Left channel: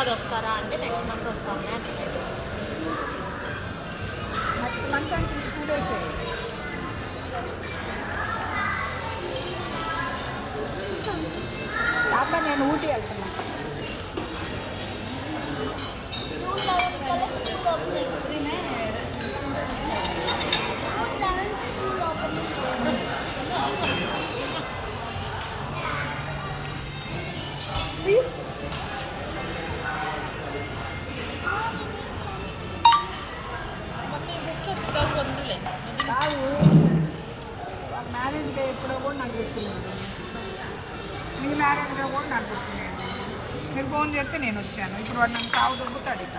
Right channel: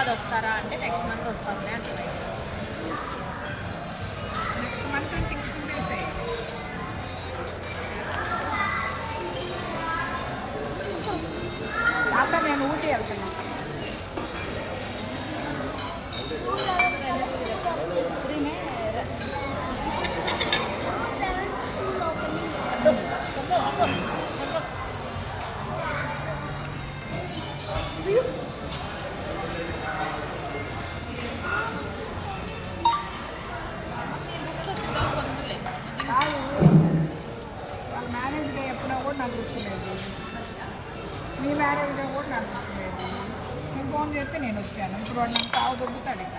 హైదరాబాద్ వస్తారా అంటే next month వస్తాంలే అంటున్నాయి. నెక్స్ట్ మంత్ అంటే ఇంక 2 డేసే. అక్కడ నేను ఊటీ వెళ్తాను. మ్యారేజ్ డే ఎప్పుడో కూడా నాకు గుర్తులేదు, మీ మ్యారేజ్ డే కూడా నాకు గుర్తులేదు. మీరు ఫోన్ చేస్తే నేను వచ్చాను. ఇప్పుడు వాడు నన్ను సాగు దొబ్బుతాడు ఇక.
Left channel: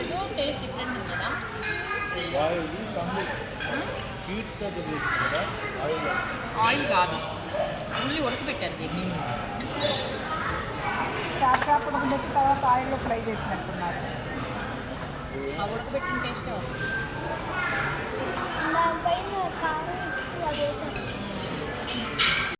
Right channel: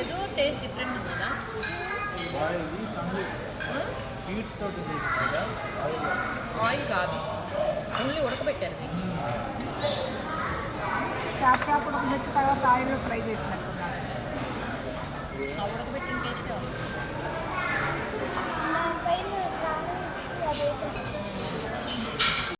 ఏదో టేస్ట్ డిఫరెంట్ ఉంది కదా. బాయిల్ కంది హీట్ తోటి చేసింది కదా ఆయిల్. ఆయిల్ కాదు, ఓన్లీ ఉడకబెట్టారు దీన్ని. చేప ఉడకబెట్టిన తర్వాత ఆయిల్లో ఫ్రై చేసినట్టున్నారు. ఆ ఉడకబెట్టిన టేస్టే వస్తుంది. దానిపైన కారం ఎక్కువ వేసాను.